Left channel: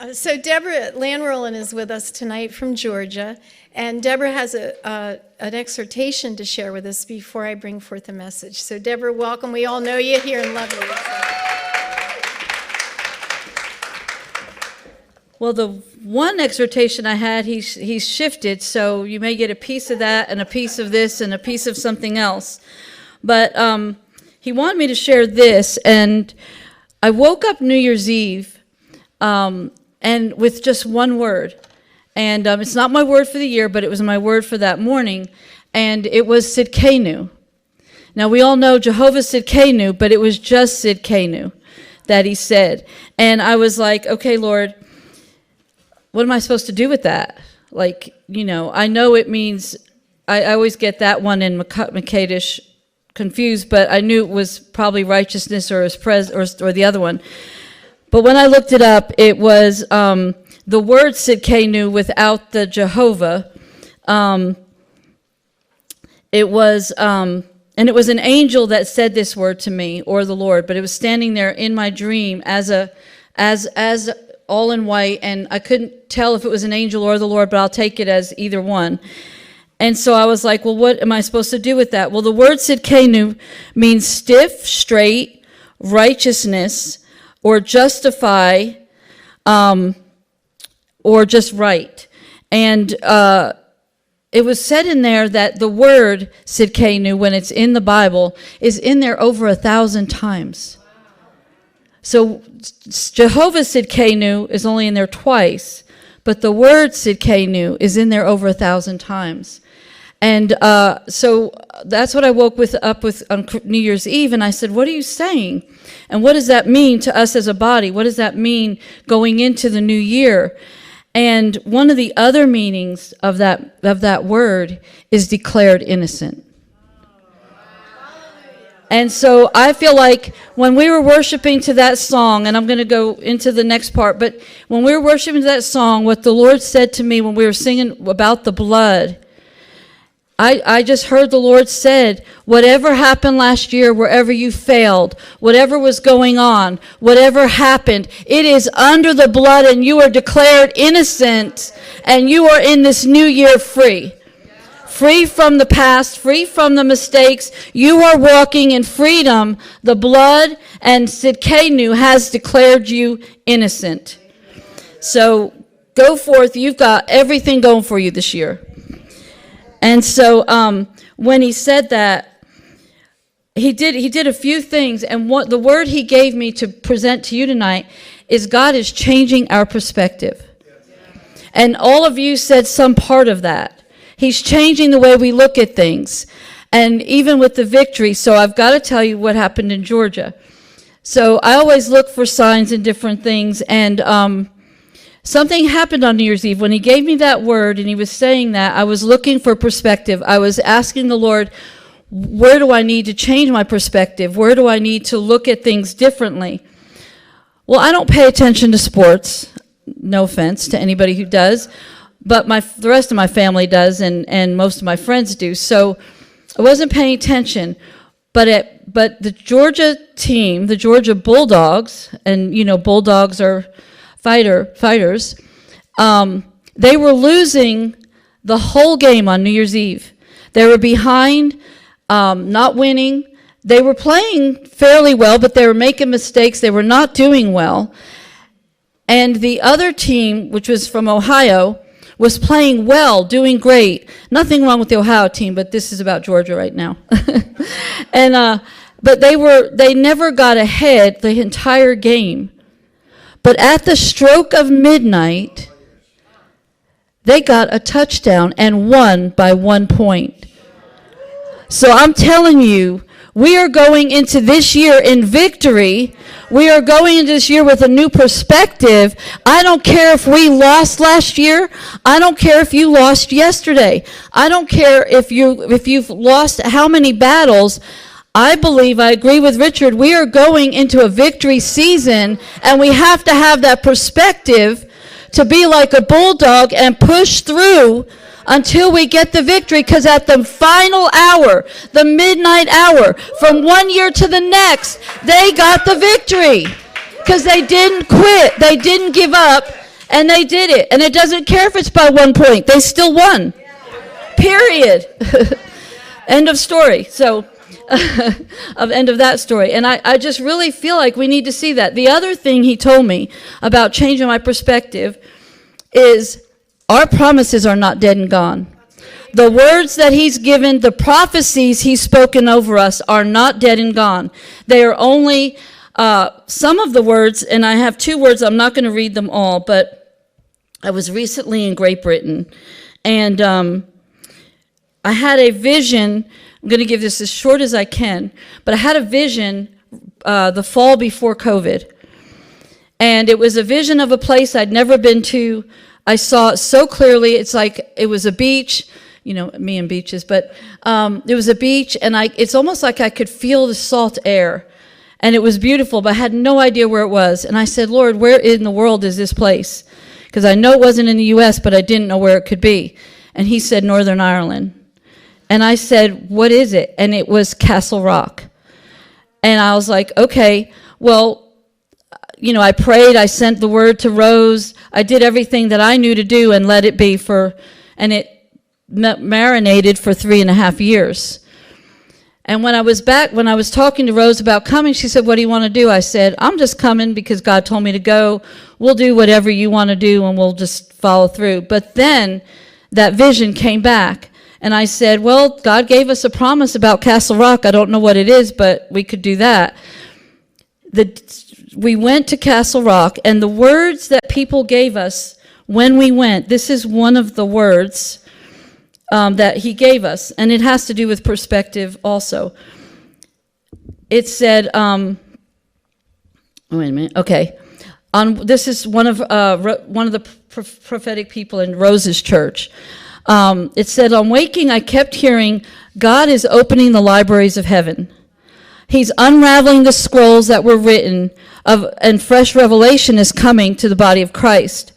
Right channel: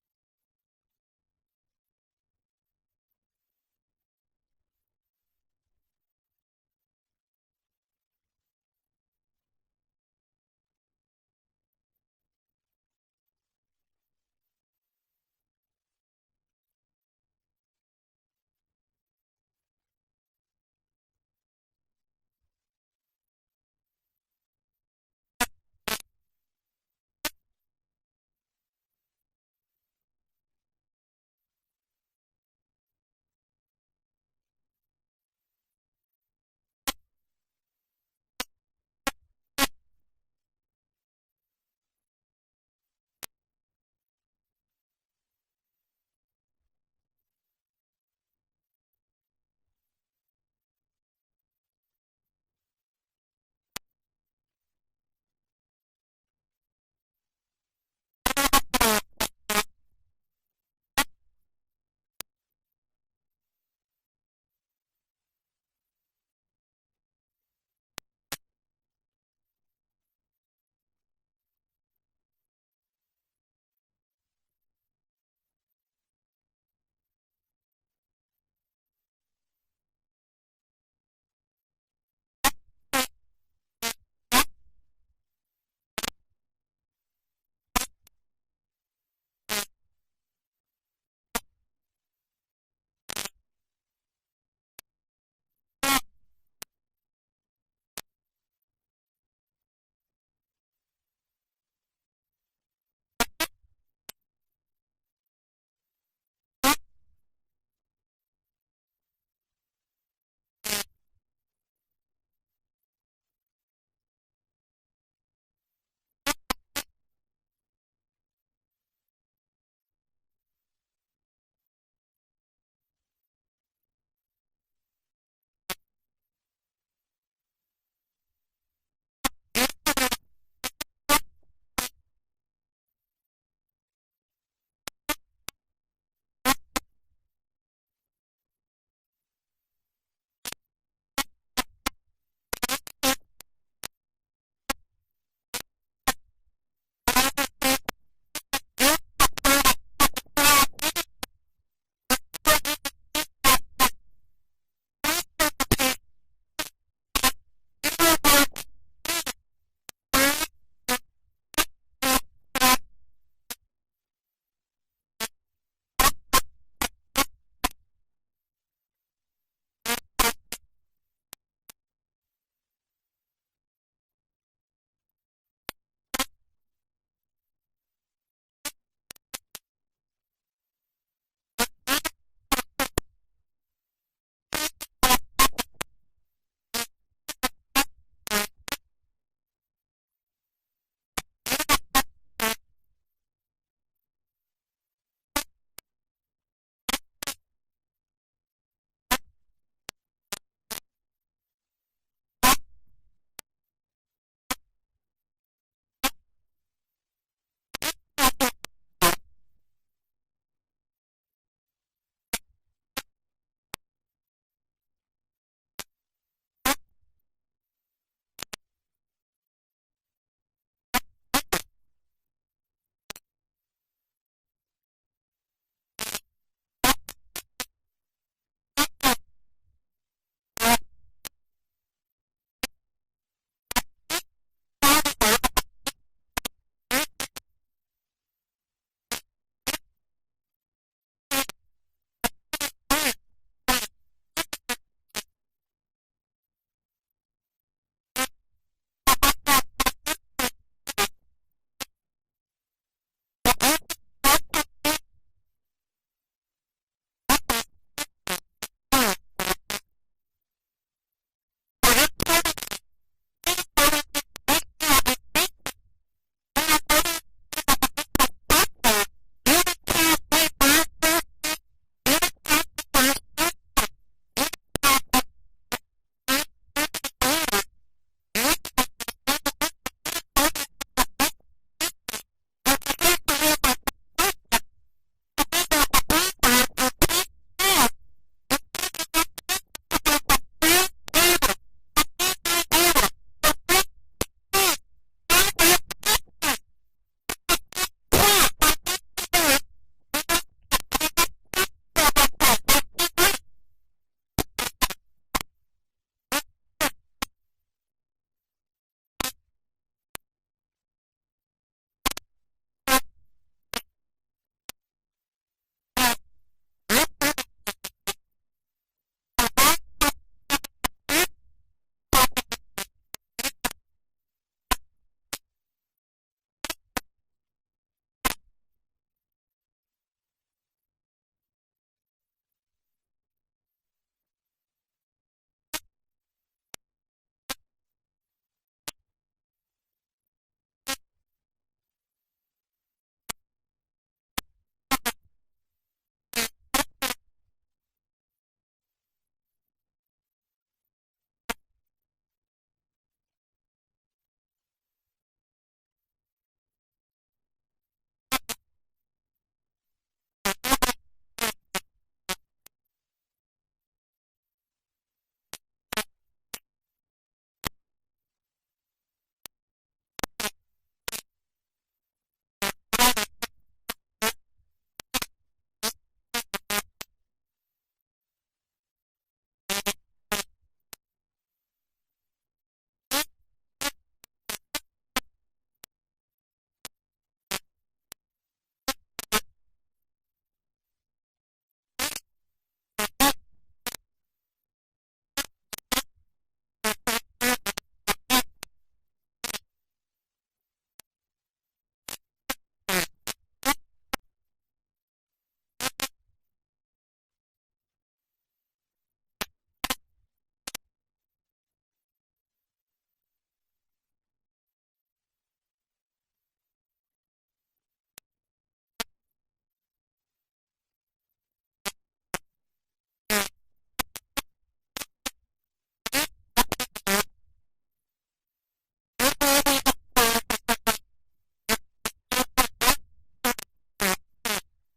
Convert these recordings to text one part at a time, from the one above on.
So Debrorah Lanwerlen is with us tonight from Georgia, and Debrorah has an exhortation to share with us before I bring forth a message. So Debrorah, welcome. We all know you here and love you. Well, the one exhortation I had, he's shifted, so you may get a piece of that and a piece of this and a piece of something else. But he wanted me to share this, and I woke up New Year's Eve and with just one word. And it's not my word for the year, but it was my word for that morning, and it was Sidkenu. Now, we all know Jehovah Sidkenu, but it was just Sidkenu that he said. And I was like, okay, Lord, what am I supposed to do with that? Like, you know, I know it means, I always get that one in Makadish confused, but I knew it was probably righteousness or the other one. But when I looked it up, it was the word Sidkenu without the Jehovah. It was an angel that said this word to me, or the Lord, but it was standing there in my dream as all in white, and I couldn't tell if it was an angel or the Lord, but I'll take it as either one. And so I was like, well, what am I supposed to do with that? Well, the word Sidkenu means stiff, straight, righteousness, or justify, or just right. And it was said in there that the word Sidkenu, when it's in the Bible, is in there over 1,000 times. So Jehovah Sidkenu is only in there twice, but the word Sidkenu is in there over 1,000 times. And so that's what I woke up with on New Year's Eve, and I said, what are you saying? And what does that mean to us as a body? What does that mean going into the new year? And one of the other meanings of that word is declared innocent. And so I feel like when we were worshiping to that song, and I'm going to go into the next part, but when we were worshiping to that song, what the Lord said to me when we were singing about the blood, I just heard the Lord said, whatever happened last year, wherever you failed, whatever was going on, whatever happened, it is under the blood and you are declared innocent and you are in this new year free. Free from the past, free from the mistakes. You are walking in freedom. The blood and Sidkenu has declared you innocent. So go forth. You've got everything going for you this year. And so when he said that, he did a few things, and what the word he gave me to present to you tonight is God is changing our perspective. And all of you said some part of that. He's changing the way we look at things, and even with the victory. So I've got to tell you what happened in Georgia. So I always look for signs in different things, and something happened on New Year's Eve. When he gave me that word and he was saying that, I was looking for perspective. I was asking the Lord, where do I need to change my perspective? Where do I need to look at things differently? Well, I don't pay attention to sports. No offense to anybody who does, but the rest of my family does, and most of my friends do. So I wasn't paying attention. But the Georgia team, the Georgia Bulldogs, and you know Bulldogs are fighters, they were losing the whole game on New Year's Eve. They were behind, not winning. They were playing fairly well, but they were making mistakes. They were not doing well. And the other team, which was from Ohio, was playing well, doing great. Nothing wrong with the Ohio team, but this is about Georgia right now. And but they never got ahead the entire game. But at the stroke of midnight, they got a touchdown and won by 1 point. So I'm telling you, we are going into this year in victory. We are going into this year with a new perspective. I don't care if we lost last year. I don't care if you lost yesterday. I don't care if you've lost how many battles. I believe, I agree with Richard, we are going into a victory season, and we have to have that perspective to be like a bulldog and push through until we get the victory, because at the final hour, the midnight hour, from one year to the next, they got the victory because they didn't quit. They didn't give up. And they did it. And it doesn't care if it's by 1 point. They still won. Period. End of story. So, end of that story. And I just really feel like we need to see that. The other thing he told me about changing my perspective is our promises are not dead and gone. The words that he's given, the prophecies he's spoken over us are not dead and gone. They are only some of the words, and I have 2 words. I'm not going to read them all, but I was recently in Great Britain, and I had a vision. I'm going to give this as short as I can, but I had a vision the fall before COVID, and it was a vision of a place I'd never been to. I saw it so clearly. It's like it was a beach. You know, me and beaches, but it was a beach, and it's almost like I could feel the salt air, and it was beautiful, but I had no idea where it was. And I said, Lord, where in the world is this place? Because I know it wasn't in the U.S., but I didn't know where it could be. And he said, Northern Ireland. And I said, what is it? And it was Castle Rock. And I was like, okay, well, you know, I prayed, I sent the word to Rose, I did everything that I knew to do and let it be and it marinated for 3.5 years. And when I was back, when I was talking to Rose about coming, she said, what do you want to do? I said, I'm just coming because God told me to go. We'll do whatever you want to do, and we'll just follow through. But then that vision came back, and I said, well, God gave us a promise about Castle Rock. I don't know what it is, but we could do that. We went to Castle Rock, and the words that people gave us when we went, this is one of the words that he gave us, and it has to do with perspective also. It said, wait a minute, okay. This is one of the prophetic people in Rose's church. It said, on waking, I kept hearing, God is opening the libraries of heaven. He's unraveling the scrolls that were written, and fresh revelation is coming to the body of Christ.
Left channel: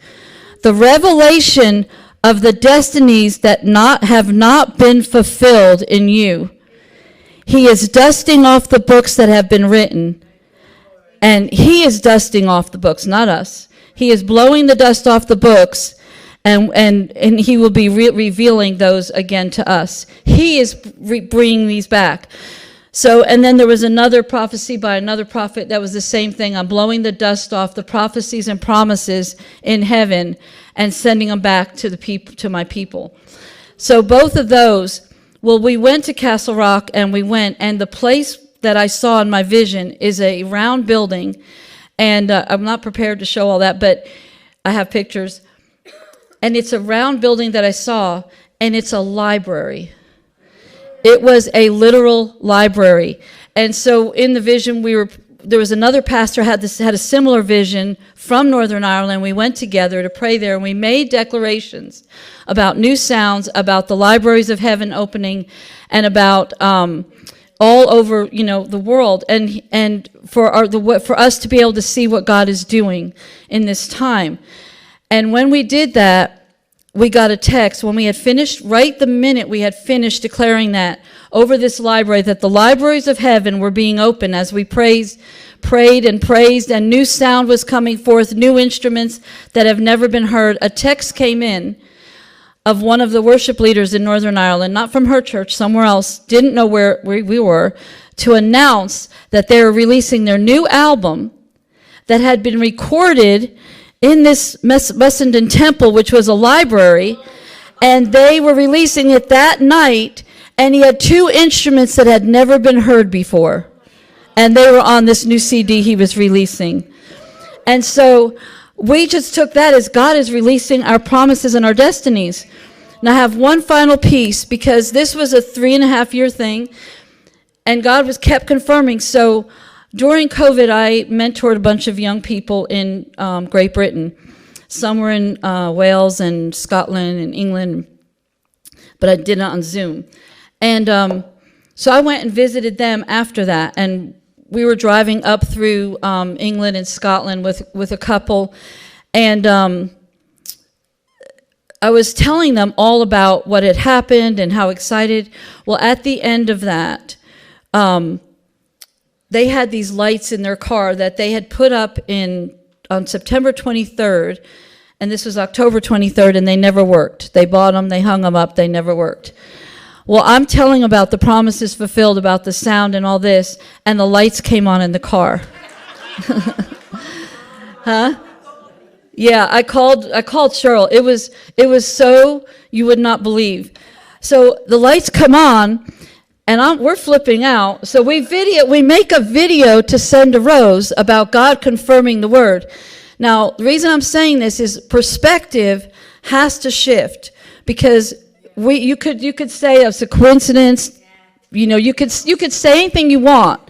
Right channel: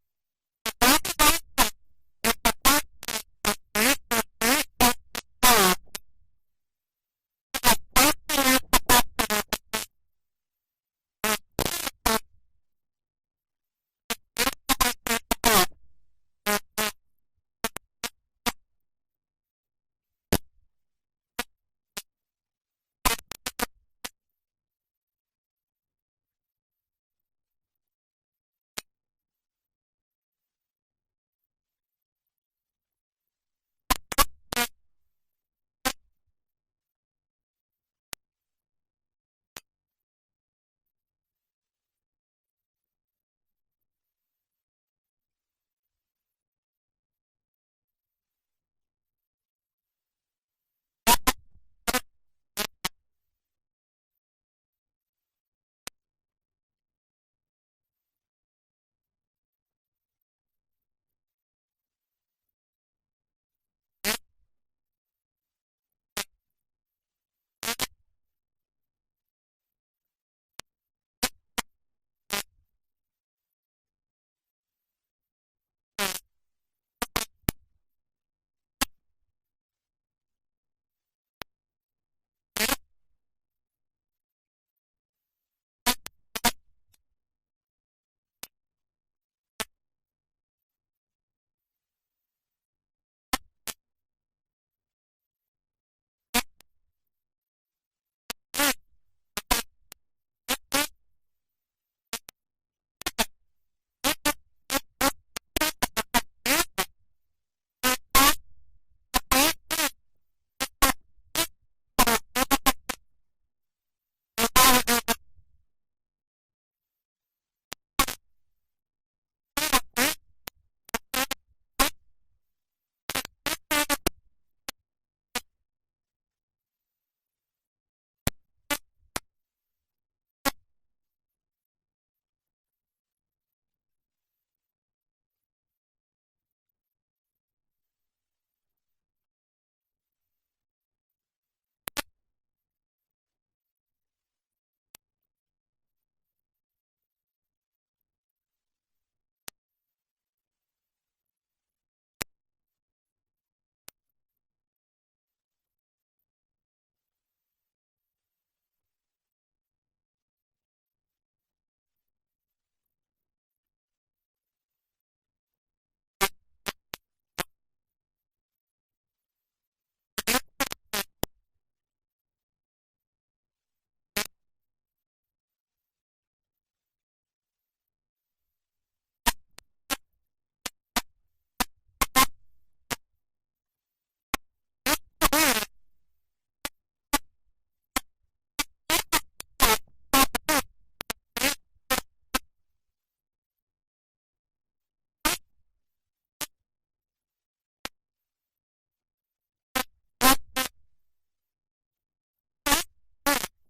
The revelation of the destinies that have not been fulfilled in you. He is dusting off the books that have been written. And he is dusting off the books, not us. He is blowing the dust off the books, and he will be revealing those again to us. He is bringing these back. So, and then there was another prophecy by another prophet that was the same thing. I'm blowing the dust off the prophecies and promises in heaven and sending them back to the people, to my people. So both of those, well, we went to Castle Rock, and the place that I saw in my vision is a round building, and I'm not prepared to show all that, but I have pictures. And it's a round building that I saw, and it's a library. It was a literal library. And so in the vision, there was another pastor had a similar vision from Northern Ireland. We went together to pray there, and we made declarations about new sounds, about the libraries of heaven opening, and about all over, the world, and for us to be able to see what God is doing in this time. And when we did that, we got a text when we had finished, right the minute we had finished declaring that over this library, that the libraries of heaven were being opened as we prayed and praised, and new sound was coming forth, new instruments that have never been heard. A text came in of one of the worship leaders in Northern Ireland, not from her church, somewhere else, didn't know where we were, to announce that they were releasing their new album that had been recorded in this Mussenden Temple, which was a library, and they were releasing it that night, and he had 2 instruments that had never been heard before, and they were on this new CD he was releasing. And so we just took that as God is releasing our promises and our destinies. Now I have one final piece, because this was a 3.5-year thing, and God kept confirming. So during COVID, I mentored a bunch of young people in Great Britain. Some were in Wales and Scotland and England, but I did it on Zoom. And so I went and visited them after that, and we were driving up through England and Scotland with a couple, and I was telling them all about what had happened and how excited. Well, at the end of that, they had these lights in their car that they had put up on September 23rd, And this was October 23rd, and they never worked. They bought them, they hung them up, they never worked. Well, I'm telling about the promises fulfilled, about the sound and all this, and the lights came on in the car. Huh? Yeah, I called Cheryl. It was so you would not believe. So the lights come on, and we're flipping out. So we make a video to send to Rose about God confirming the word. Now, the reason I'm saying this is perspective has to shift, because you could say it's a coincidence. You could say anything you want,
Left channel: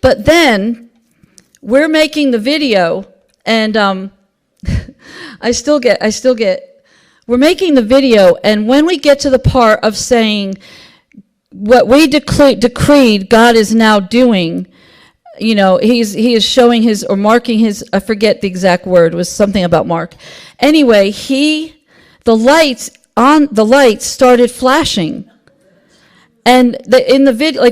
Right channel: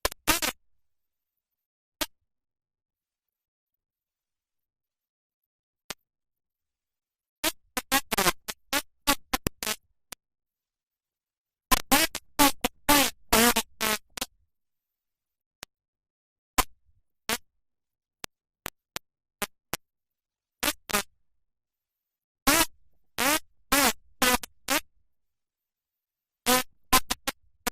but then we're making the video, and we're making the video, and when we get to the part of saying what we decreed, God is now doing. He is showing his, or marking his, I forget the exact word, it was something about Mark. Anyway, the lights started flashing. And in the video,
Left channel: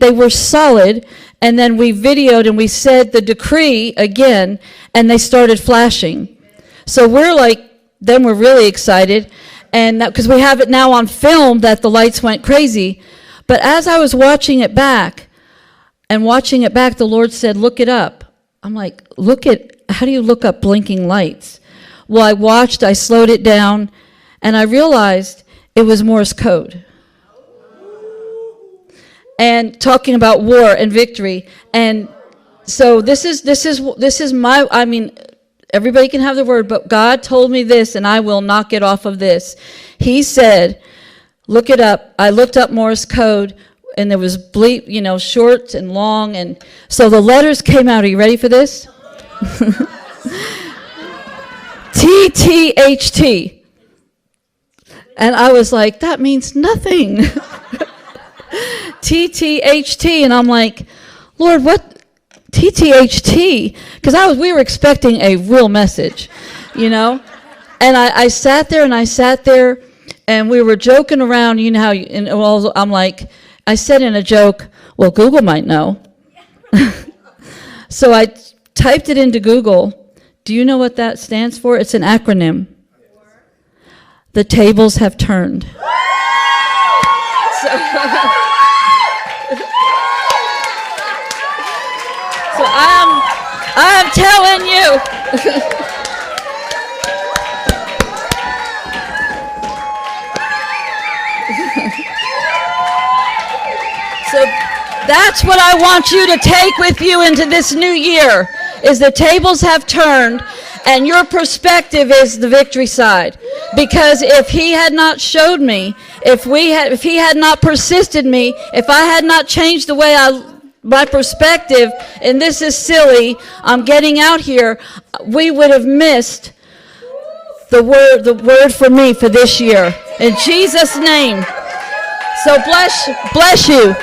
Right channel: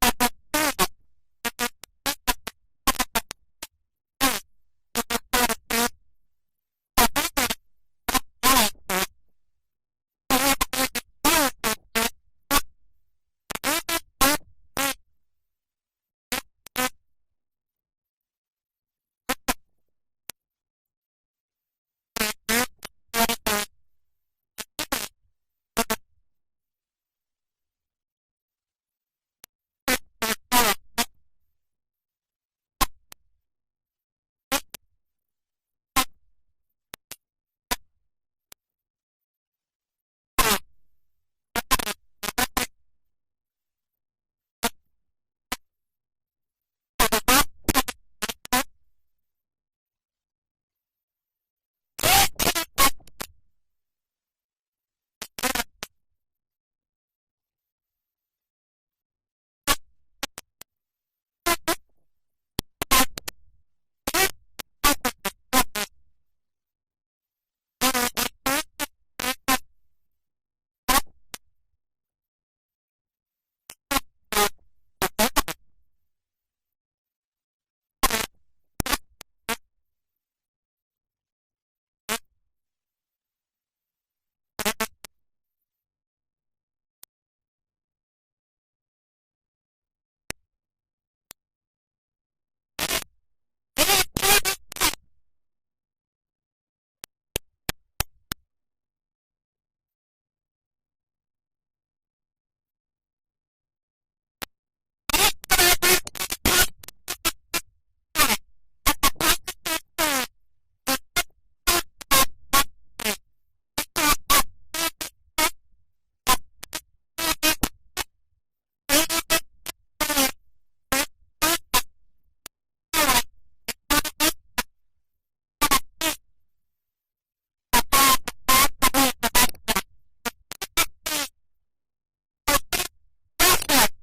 they were solid, and then we videoed and we said the decree again, and they started flashing. So we're really excited, and because we have it now on film that the lights went crazy. But as I was watching it back, the Lord said, look it up. I'm like, how do you look up blinking lights? Well, I slowed it down, and I realized it was Morse code. And talking about war and victory. And so this is my, everybody can have the word, but God told me this, and I will not get off of this. He said, look it up. I looked up Morse code, and there was short and long, and so the letters came out. Are you ready for this? TTHT. And I was like, that means nothing. TTHT, and I'm like, Lord, what? TTHT? Because we were expecting a real message, And I sat there, and we were joking around. You know how? I'm like, I said in a joke, well, Google might know. So I typed it into Google. Do you know what that stands for? It's an acronym. The tables have turned. So I'm telling you. So that's what I want you to take with you into this new year, is the tables have turned, and your perspective is the victory side. Because if he had not showed me, if he had not persisted me, if I had not changed the way my perspective, and this is silly, I'm getting out here, we would have missed the word for me for this year. In Jesus' name. So bless you.